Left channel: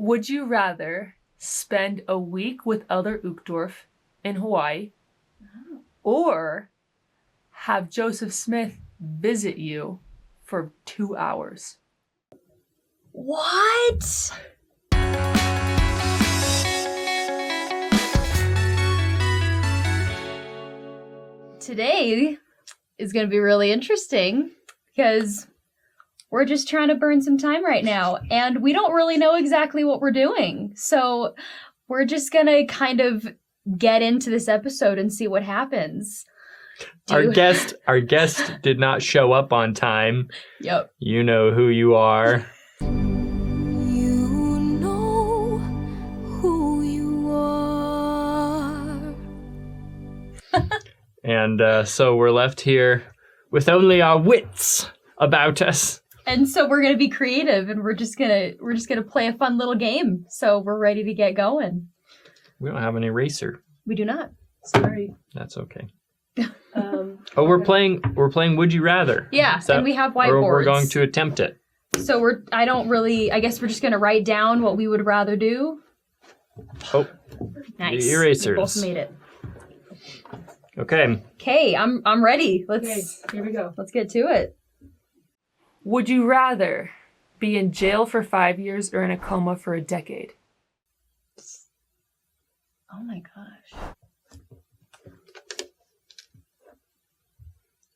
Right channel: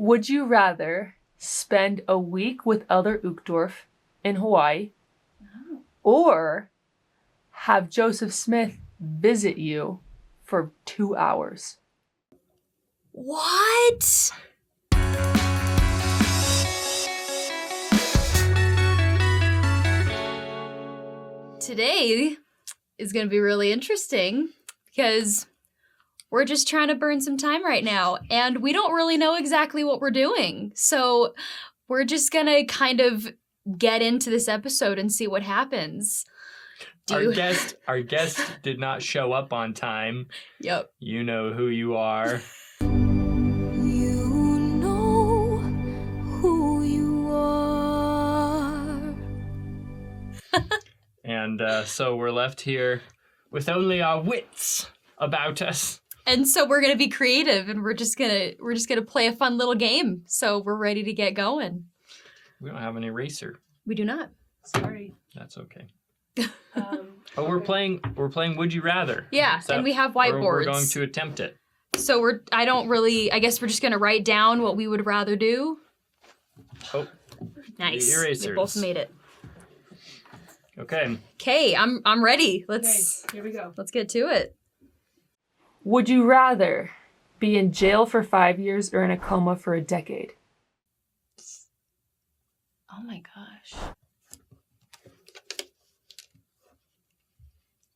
Would you rather spend a week with Elder Uchtdorf in Hawaii or have Joseph Smith visit you for 2 hours? What? Today is going to be really interesting because we're just trying to burn some time right now and we don't really know exactly what we're doing. So we're just going to kind of get into this episode and see what happens. Our guest did not show up on time. Yep. You know who you are. You know who you are. And so we're left here with only our wits about us. And so we're gonna be creative, and we're just gonna play a fun little game. So we're ready to get going. We don't have an eraser. We do not. Sorry. That's okay. We're playing Would You Rather. Yeah, and we have whiteboards. We're going to attempt it. So I guess we're just gonna write down what we would rather do. Oh. Nice. The erasers. We both made it. Okay. Okay, I'm ready. Okay, here we go. Let's get to it. Would you rather be in jail for 5 years or in a coma for a decade? Oh my gosh.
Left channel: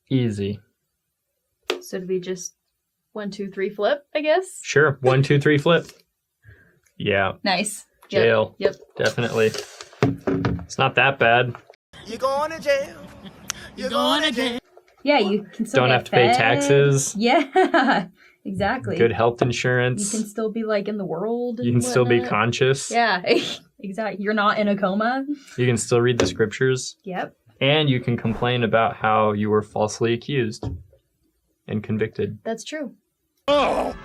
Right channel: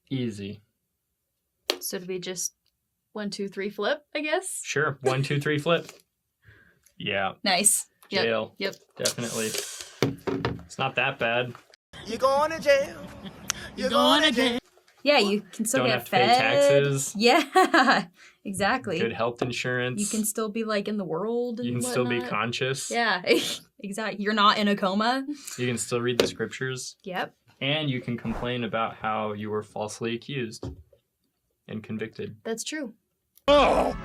Easy. So did we just 1, 2, 3 flip, I guess? Sure. 1, 2, 3 flip. Yeah. Nice. Jail. Yep. Definitely. It's not that bad. You're going to jail. You're going to jail. Yeah, you can still Don't get have to pay fed. taxes. Yeah, exactly. Good health insurance. You can still be like in the world. And You can still be whatnot. conscious. Yeah, exactly. You're not in a coma. You can still read the scriptures. Yep. And you can complain about how you were falsely accused and convicted. That's true. Oh!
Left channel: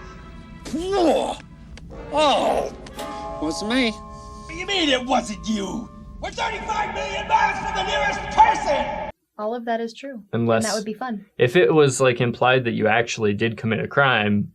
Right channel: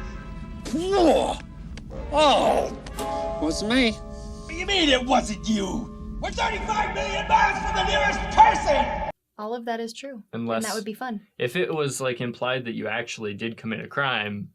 Wasn't me. What do you mean it wasn't you? We're 35 million miles from the nearest person! All of that is true. Unless, and that would be fun. if it was like implied that you actually did commit a crime,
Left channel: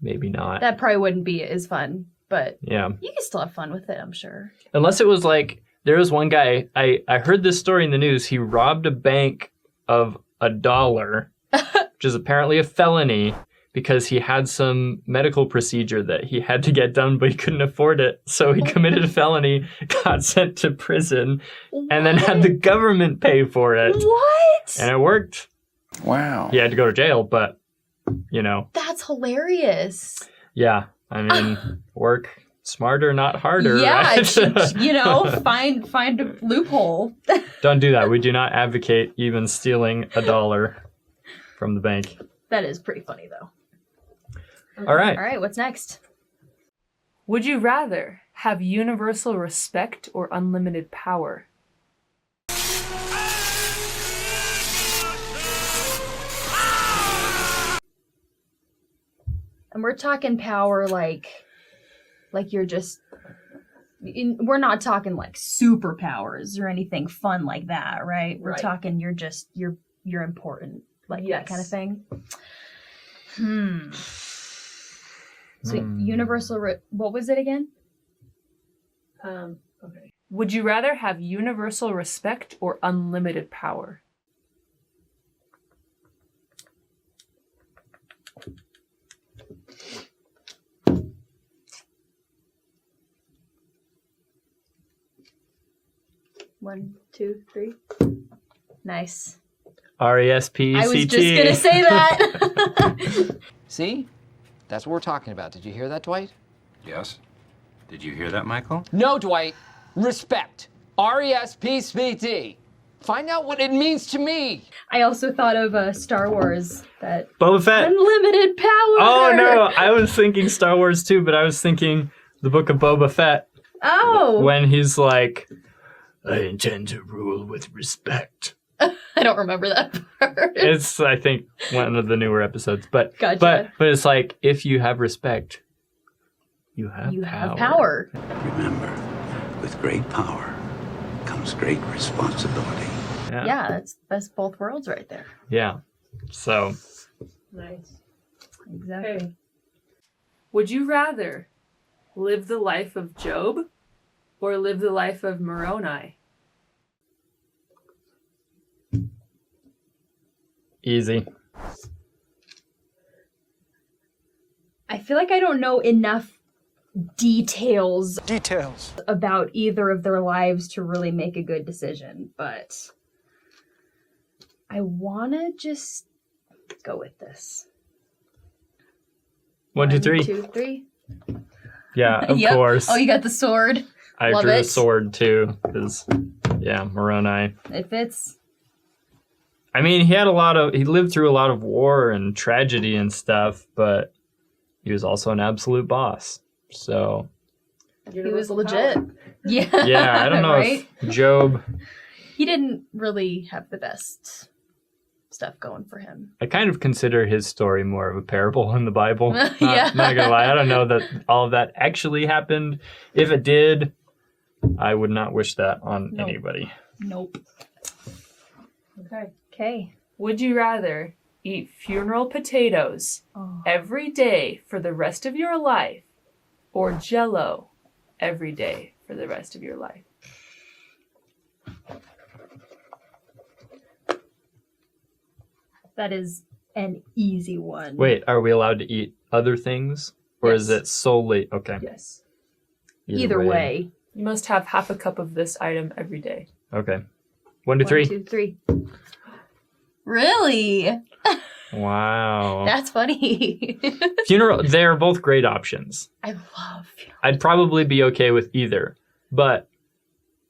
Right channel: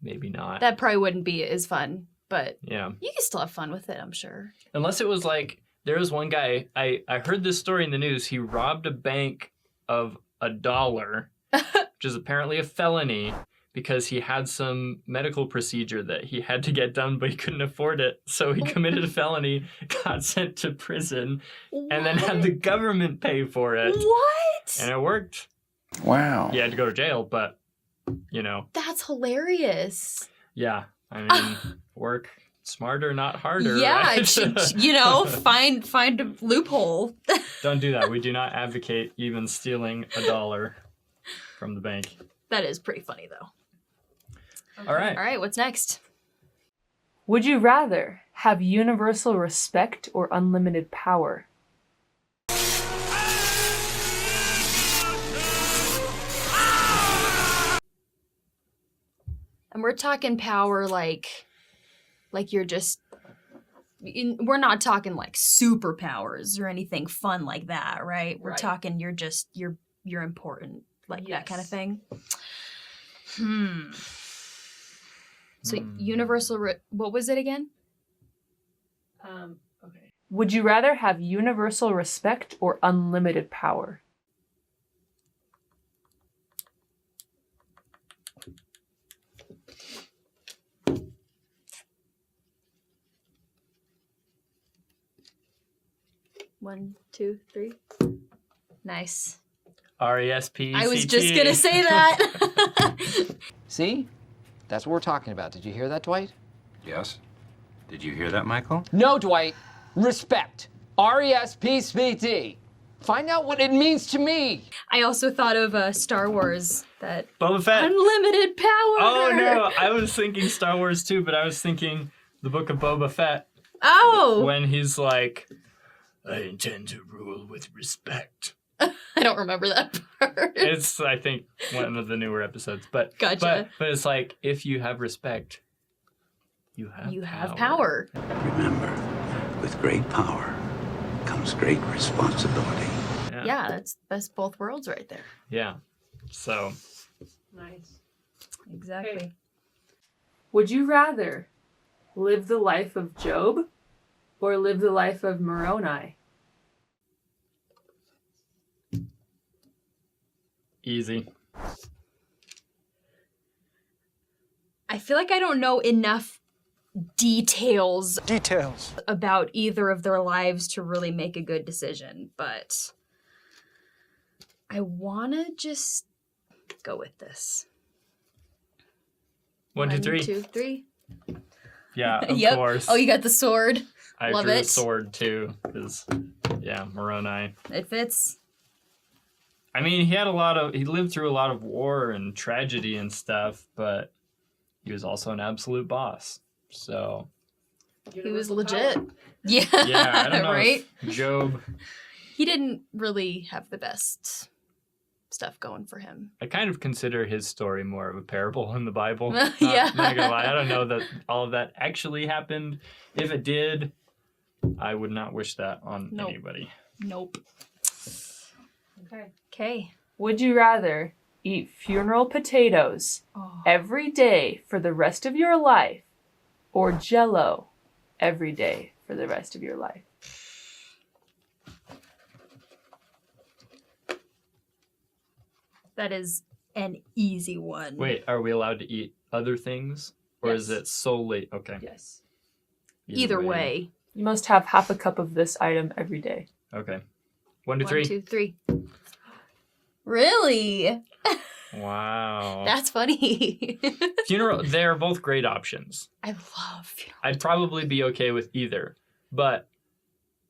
maybe not. That probably wouldn't be as fun, but Yeah. you can still have fun with it, I'm sure. Unless it was like, there was one guy, I heard this story in the news, he robbed a bank of $1, which is apparently a felony, because he had some medical procedure that he had to get done, but he couldn't afford it. So he committed a felony, got sent to prison, and then had the government pay for it. What? And it worked. Wow. He had to go to jail, but, you know. That's hilarious. Yeah, I mean, work smarter, not harder. Yeah, right? find a loophole. Don't do that. We do not advocate even stealing $1 from the bank. That is pretty funny, though. All right. All right, what's next? Would you rather have universal respect or unlimited power? And we're talking power like you're just... We're not talking like superpowers or anything fun like that, right? We're Right. talking you're important, like that kind of Yes. thing. So universal, what was it again? Okay. Would you rather have universal respect or unlimited power? One, two, three. Nice. RESPCT. I was just gonna say that. See? That's what we're talking about. Did you hear that, Dwight? Yes. Did you hear that, Michael? No, Dwight. Respect. RESPCT. Find out what it means to me. I also thought of Star Wars, that Boba Fett. unlimited power. Oh, no. I was thinking Star Wars too, but I was thinking the book of Boba Fett. Oh. When he's like, I intend to rule with respect. I don't remember that part. It's, I think, one of the newer episodes. But Gotcha. but it's like, if you have respect, you have power. Remember, with great power comes great responsibility. Yeah, that's best both worlds right there. Yeah. So. Nice. Exactly. Okay. Would you rather live the life of Job or live the life of Moroni? Easy. I feel like I don't know enough details about either of their lives to really make a good decision, but I want to just go with this. 1, 2, 3. 2, 3. Yeah, of Yep. course. Oh, you got the sword. I Love drew a it. sword too, because Moroni. It fits. I mean, he lived through a lot of war and tragedy and stuff, but he was also an absolute boss. So He was legit. Yeah. yeah, I don't know right? if Job. He didn't really have the best stuff going for him. I kind of consider his story more of a parable in the Bible. Yeah. Not gonna lie, I don't know that all of that actually happened. If it did, I would not wish that on anybody. Nope. Okay. Would you rather eat funeral potatoes every day for the rest of your life or jello every day for the rest of your life? That is an easy one. Wait, are we allowed to eat other things? Or is Yes. it solely... Okay. Yes. Either way. You must have half a cup of this item every day. Okay. 1, 2, 3. 1, 2, 3. Really? Wow. That's funny. Funeral, they're both great options. I love funeral. I'd probably be okay with either. But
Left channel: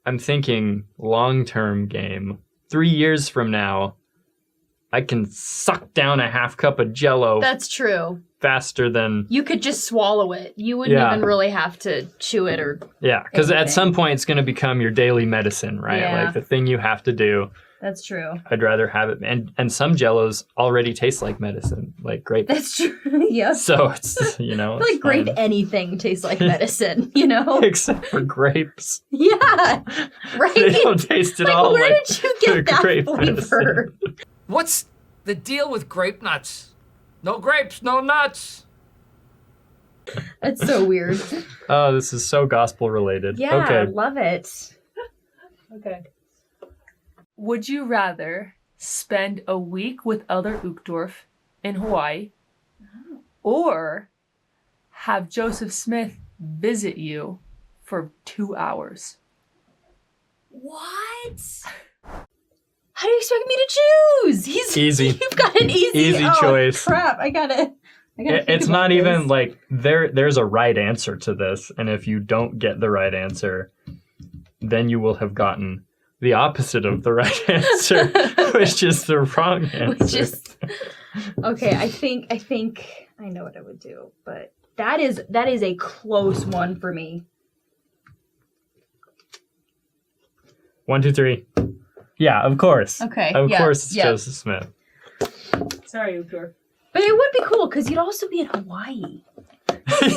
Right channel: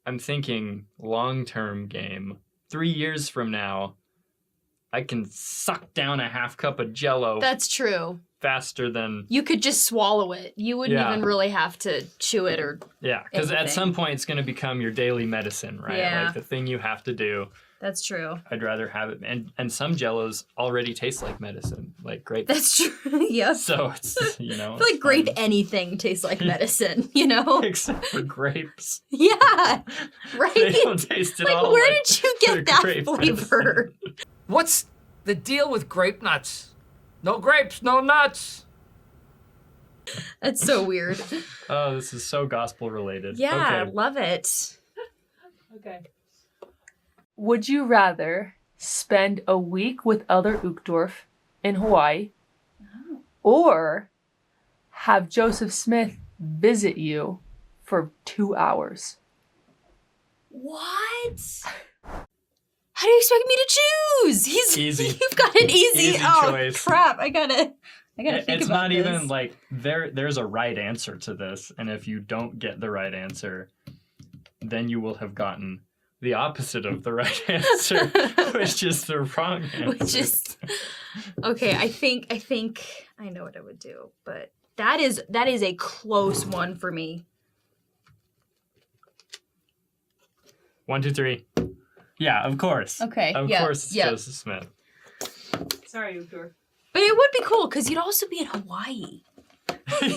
I'm thinking long-term game. 3 years from now, I can suck down a half cup of jello That's true. faster than... You could just swallow it. You wouldn't Yeah. even really have to chew it or... Yeah, because at anything. some point it's going to become your daily medicine, right? Yeah. Like the thing you have to do. That's true. I'd rather have it. And some jellos already taste like medicine, like grape. That's true. Yep. So it's, I feel like it's grape fine. anything tastes like medicine, you know? Except for grapes. Yeah. Right? They don't taste at Like, all where like did you get that grape flavor? medicine. What's the deal with grape nuts? No grapes, no nuts. That's so weird. Oh, this is so gospel related. Yeah, I Okay. love it. Okay. Would you rather spend a week with Elder Uchtdorf in Hawaii or have Joseph Smith visit you for 2 hours? What? How do you expect me to choose? Easy. You've got an easy choice. Crap! I gotta. think It's about not even this. like there's a right answer to this, and if you don't get the right answer, then you will have gotten the opposite of the right answer, which is the wrong answer. Which is okay. I think I know what I would do, but that is a close one for me. 1, 2, 3. Yeah, of course. Okay, Of yeah, course, it's yeah. Joseph Smith. Sorry, Uchtdorf. But it would be cool because you'd also be in Hawaii.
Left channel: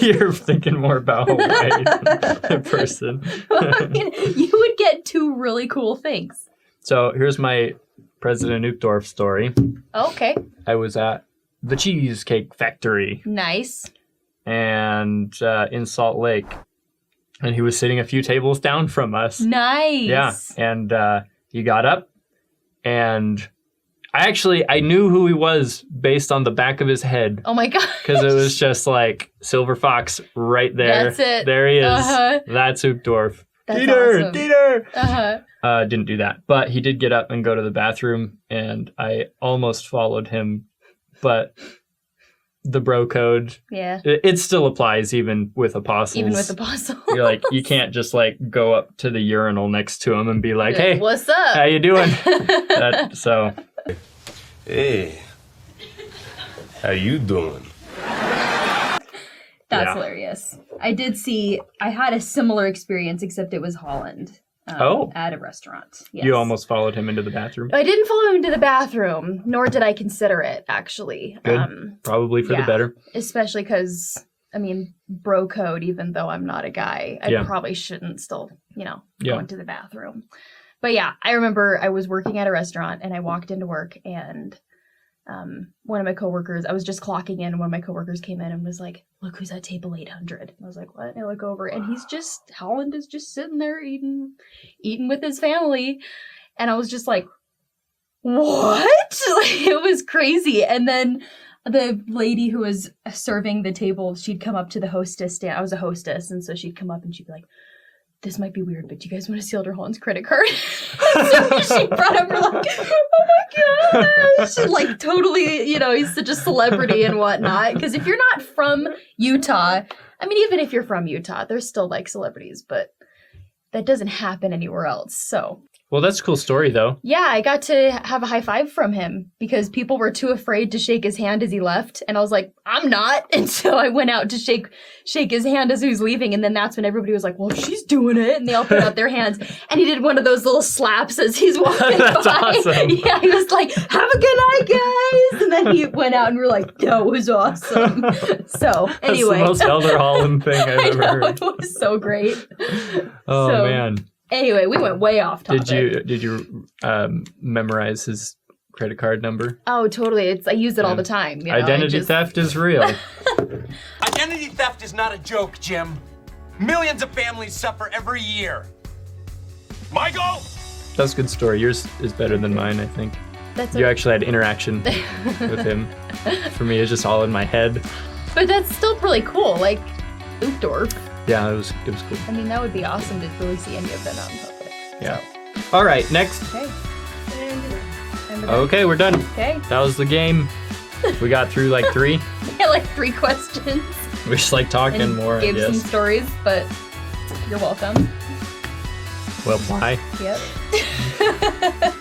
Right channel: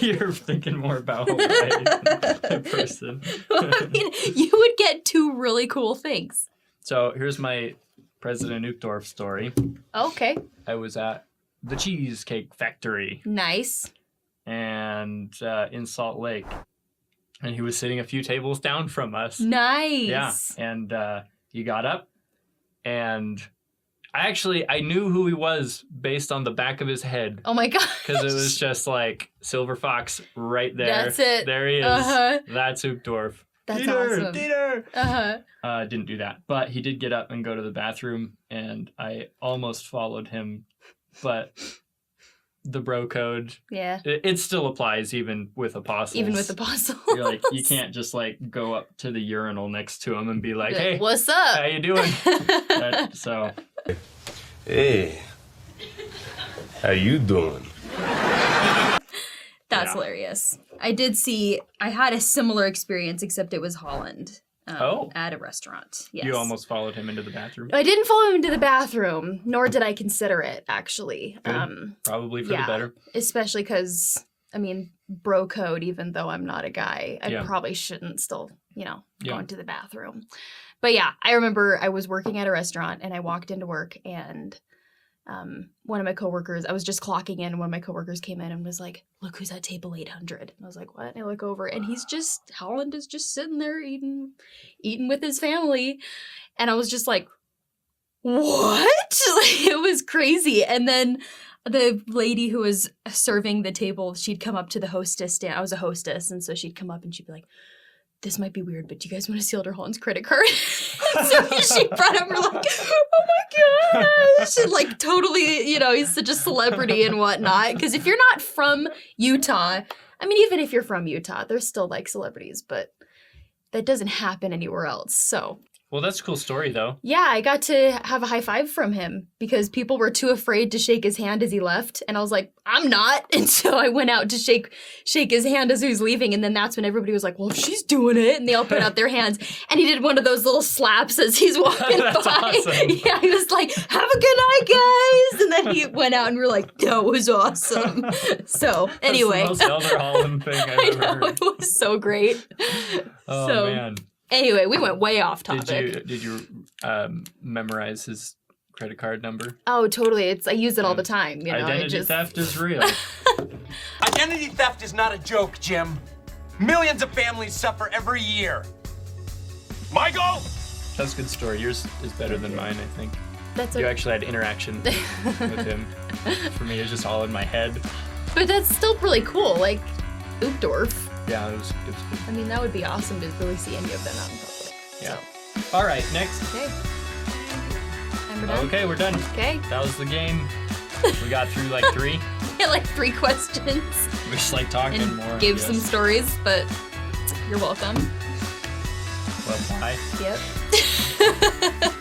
You're thinking more about Hawaii than a person. I mean, you would get two really cool things. So here's my President Uchtdorf story. Okay. I was at the Cheesecake Factory Nice. and in Salt Lake, and he was sitting a few tables down from us. Nice. Yeah, and he got up, and I knew who he was based on the back of his head. Oh my god. Because it was just like Silver Fox right there. That's it. There he is. Uh-huh. That's Uchtdorf. That's Dieter, awesome. Dieter. Uh-huh. Didn't do that, but he did get up and go to the bathroom, and I almost followed him, but the bro code, Yeah. it still applies even with apostles. Even with apostles. You're like, you can't just like go up to the urinal next to him and be like, hey, what's up? how you doing? So. Hey, how you doing? That's Yeah. hilarious. I had a similar experience, except it was Holland. At a restaurant. Yes. You almost followed him into the bathroom. I didn't follow him to the bathroom, nor did I consider it, actually. Good. Probably for the yeah. better. Especially because, bro code, even though I'm not a guy, I probably shouldn't still, go into the bathroom. But yeah, I remember I was working at a restaurant and I walked into work and one of my coworkers, I was just clocking in, and one of my coworkers came in and was like, look who's at table 800. And I was like, what? And I look over, and Holland is just sitting there eating with his family. And I was just like, what? It was crazy. And then the lady who was serving the table, she'd come up to the hostess stand. I was a hostess, and so she'd come up and she'd be like, this might be weird, but do you guys want to see Elder Holland's credit card? So she brought up her like, oh my gosh. Like totally, he's such a celebrity and whatnot. Because if you're not from Utah, I mean, even if you're from Utah, there's still like celebrities, but that doesn't happen anywhere else. So. Well, that's a cool story, though. Yeah, I got to have a high five from him because people were too afraid to shake his hand as he left. And I was like, I'm not. And so I went out to shake his hand as he was leaving. And then that's when everybody was like, well, she's doing it. And they all put out their hands. And he did one of those little slaps as he's walking That's by. awesome. Yeah, he was like, have a good night, guys. And then he went out and we were like, that was awesome. So anyway. That's the most Elder Holland thing I've ever heard. It was so great. Oh, man. Anyway, we went way off topic. Did you memorize his credit card number? Oh, totally. I use it all the time. Identity theft is real. Identity theft is not a joke, Jim. Millions of families suffer every year. Michael! That's a good story. Yours is better than mine, I think. You actually had interaction with him. For me, it's just all in my head. But that's still really cool. Like, Uchtdorf. Yeah, it was cool. I mean, that would be awesome to really see any of them out in public. Yeah. All right, next. Okay. Okay, we're done. Okay. That was the game. We got through like 3. Yeah, like 3 questions. We just like talking and more. Give some stories, but you're welcome. Well, bye. Yep.